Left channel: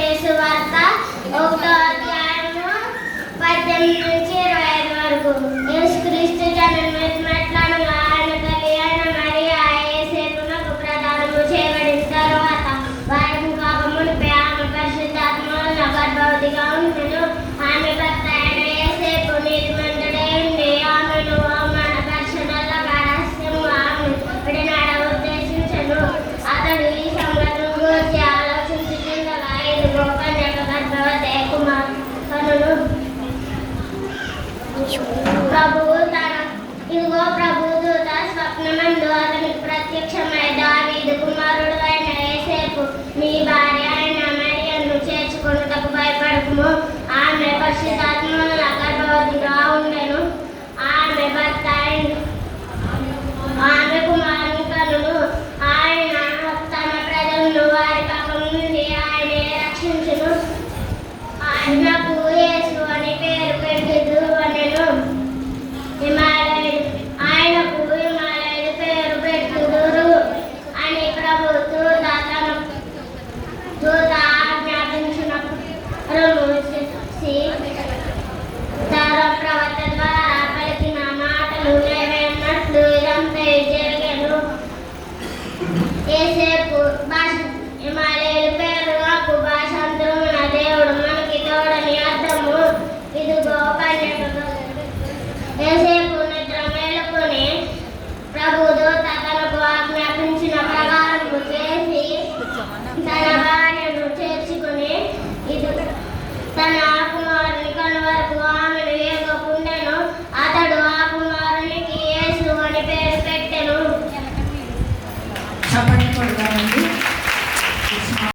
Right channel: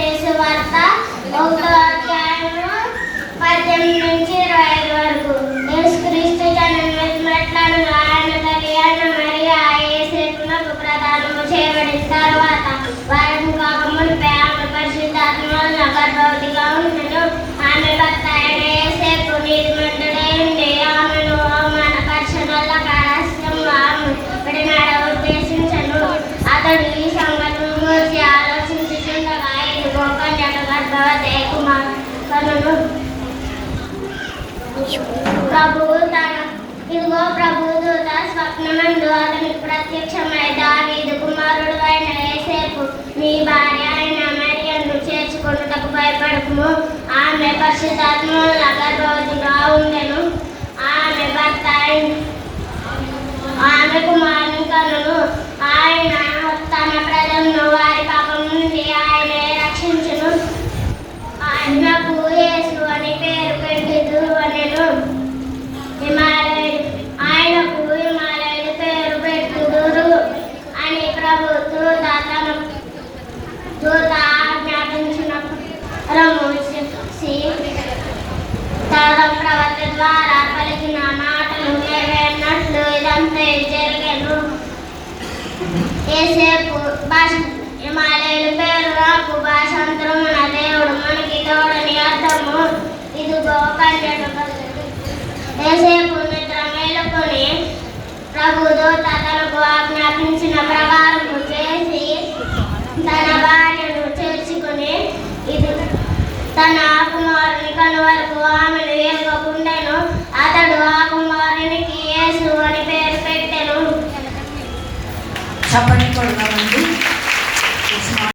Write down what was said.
మత్తయి వార్త 1వ అధ్యాయము 18 నుంచి 25 వరకు. యేసుక్రీస్తు జన్మించినట్లనగా ఆయన తల్లి అయిన మరియ యోసేపునకు ప్రదానము చేయబడిన తరువాత వారము కాక మునుపే ఆమె పరిశుద్ధాత్మ వలన గర్భవతిగా ఉండెను. ఆమె భర్త అయిన యోసేపు నీతిమంతుడై ఉండి ఆమెను అవమానపరచనల్లక రహస్యంగా ఆమె విడనాడ ఉద్దేశించెను. అతడు ఈ సంగతిని గూర్చి ఆలోచించుచుండగా ఇదిగో కన్యక గర్భవతి కనును. ప్రభువు దూత స్వప్నమందు అతనికి ప్రత్యక్షమై దావీదు కుమారుడు అయిన యోసేపు నీ భార్య అయిన మరియను చేర్చుకొనుటకు భయపడకుము. ఆమె పరిశుద్ధాత్మ వలన గర్భవతిగా ఉండెను. ఆమె భర్త ఆమె కుమారుని కనును. ఆయన తన ప్రజలను వారి పాపం నుండి ఆయనే రక్షించును. ఆయనకు యేసు అని పేరు పెట్టిద్దు అనెను. ఆయనకు హిమాలయుడు పేరు పెట్టుదురు అని ప్రభు దూత ఆజ్ఞాపించిన ప్రవక్త ద్వారా పలికిన మాటలు నెరవేరినట్లు ఇదంతా జరిగెను. యోసేపు హిమాలయుడు పేరు నాకు భాషాంతరమున దేవుడు మనకి తోడని అర్థము. ఇదిగో కన్యక యోసేపు నిద్ర మేలుకొని ప్రభు దూత తనకు ఆజ్ఞాపించిన